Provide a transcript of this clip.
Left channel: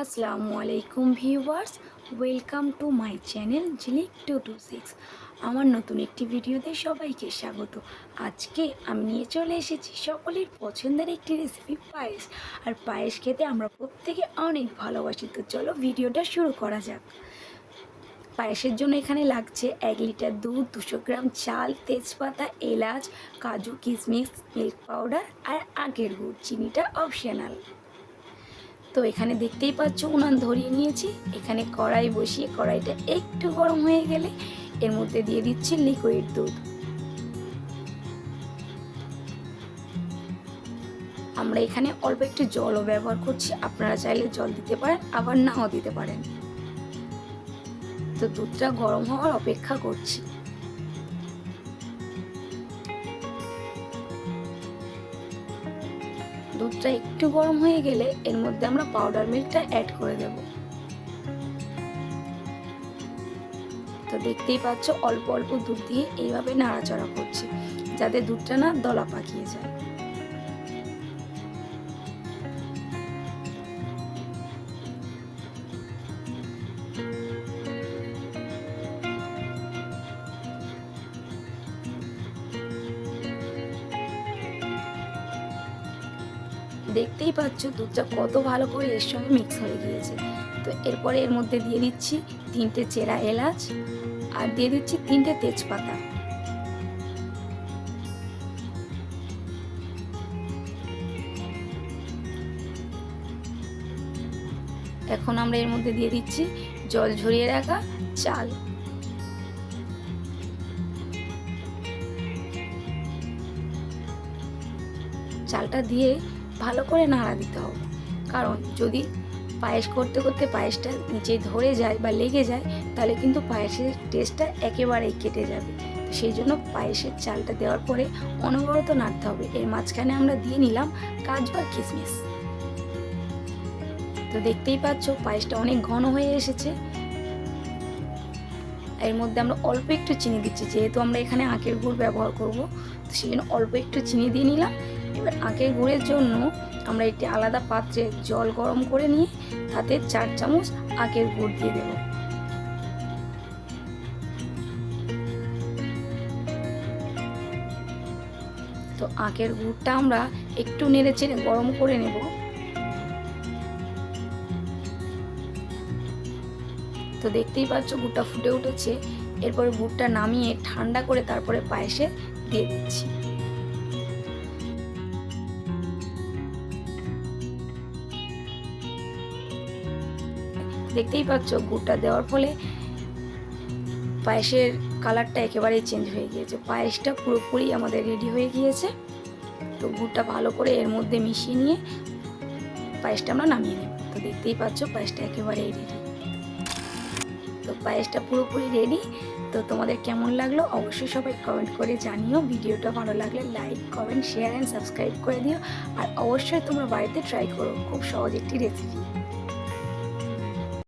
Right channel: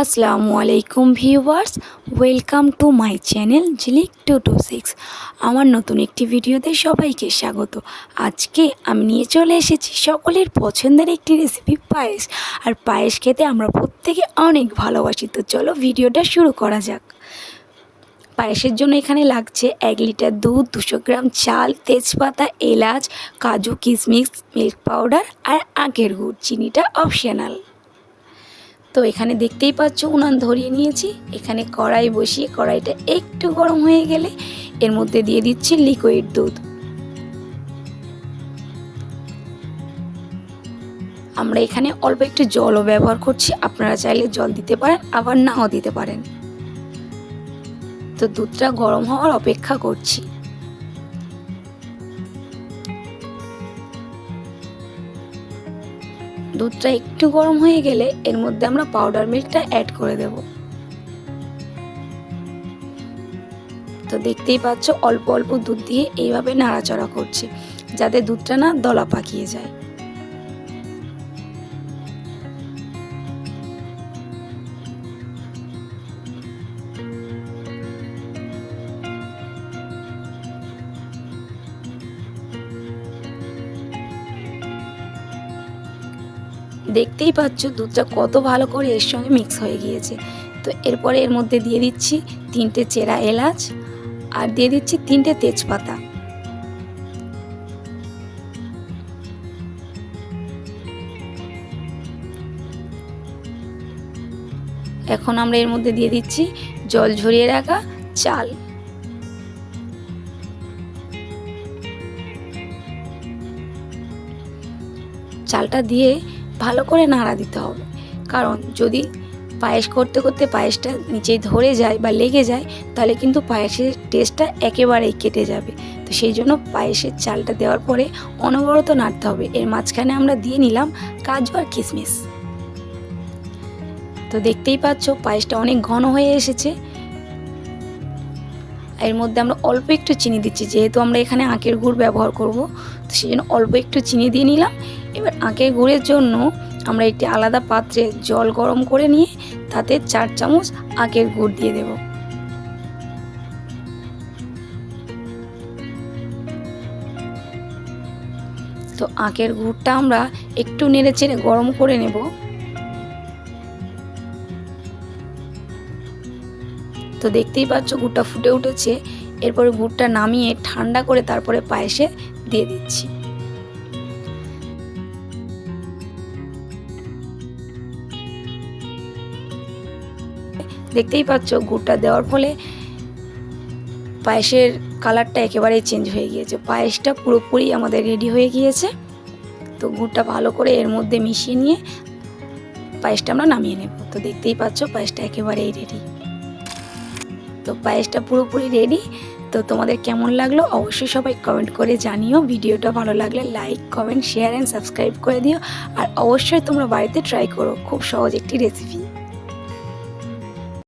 আসসালামু আলাইকুম viewers, welcome to my channel ঝিলিক 226। আমার নতুন একটি ভিডিওতে সবাইকে স্বাগত। আজকে আমি নিয়ে চলে এসেছি সকলের পছন্দের একটি রেসিপি পায়েস। আর পায়েস খেতে আমরা প্রত্যেকে অনেক ভালোবাসি। তো চলো ভিডিওটা শুরু করা যাক। পায়েসের জন্য এখানে লাগছে 1 লিটার দুধ, 200 গ্রাম চাল, তেজপাতা, এলাচ, কাজু, কিশমিশ, মিল্ক পাউডার আর আখের গুড়। চিনিটা অপশনাল। তো এখানে দেখতেই পাচ্ছ উনান ধরিয়ে নিয়েছি। এখানে কড়াই বসিয়ে কড়াইটা একটু গরম হয়ে গেলে এর মধ্যে দিয়ে দিচ্ছি লিকুইড দুধ। আমরা এখানে অল্প একটু জলও ব্যবহার করছি, আপনারা চাইলে জল দিতে পারেন, আবার নাও দিতে পারেন। তো দুধটা গরম হওয়ার অপেক্ষা করছি। দুধটা একটু গরম হয়ে গেলে এর মধ্যে আমরা পাউডার মিল্কটা অ্যাড করে দেব। তো দেখতেই পাচ্ছ অল্প অল্প দুধ দিয়ে এইভাবে নাড়াচাড়া করছে, যাতে দুধটা না দলা পাকিয়ে যায়। দেখতেই পাচ্ছ দুধটা কত ভালো করে এর সঙ্গে মিক্স হয়ে গিয়েছে। তো এরপরে এর মধ্যে দিয়ে দিচ্ছি 3টে চেরা এলাচ আর দিয়ে দিচ্ছি 3টে তেজপাতা। এখন আমরা এর মধ্যে দিয়ে দিচ্ছি জল ঝরিয়ে রাখা চাল। চালটা দিয়ে ভালো করে নাড়া দিতে হবে, কারণ যদি পায়েস করতে করতে পায়েসটা নিচে ধরে যায় বা লেগে যায় তাহলে কিন্তু পায়েসের টেস্টটা একেবারেই কেটে যাবে। তো সেই জন্য পায়েসের চালটা দেওয়ার পরে অনবরত নাড়তে হবে। এর মাঝখানে আমরা দিয়ে নিলাম কাজু আর কিশমিশ। তো দেখতেই পাচ্ছ পায়েসটা অনেক ঘন হয়ে এসেছে। এর মধ্যে আমরা অল্প একটু চিনি দিচ্ছি, যেহেতু আমরা এখানে আখের গুড় ব্যবহার করব, তো সেই জন্য অল্প একটু চিনি দিয়ে নিলাম। এবার আখের গুড়ের জন্য আমরা একটি আলাদা পাত্রে জল গরম করে নিয়ে তাতে 4 চামচ আখের গুড় দিয়ে দেব। তো আখের গুড়টা আমরা একটু নেড়ে চেড়ে গরম করে নেব। তো দেখতেই পাচ্ছ গুড়টা ফুটে উঠেছে। এরপরে গুড়টা নামিয়ে ঠান্ডা করে তারপরে পায়েসে দিয়ে দিচ্ছি। দেখতেই পাচ্ছ গুড়টা দেওয়ার ফলে পায়েসের কালারটা একেবারেই চেঞ্জ হয়ে গিয়েছে। পায়েসটা পুরোপুরি আমাদের রেডি হয়ে গিয়েছে। তো গুড়টা ভালো করে এর মধ্যে মিশিয়ে নিয়ে পায়েসটা আমরা নামিয়ে নেব। তো দেখতেই পাচ্ছ পায়েসটা একেবারেই রেডি। তো পায়েসটা পুরোপুরি রেডি। তো তোমাদের কেমন লাগলো অবশ্যই সবাই কমেন্ট করে জানিও। ভিডিওটা ভালো লাগলে like, comment, share and subscribe করে দিও। আর অবশ্যই তোমরা বাড়িতে ট্রাই করো, খুব সহজ একটি রেসিপি।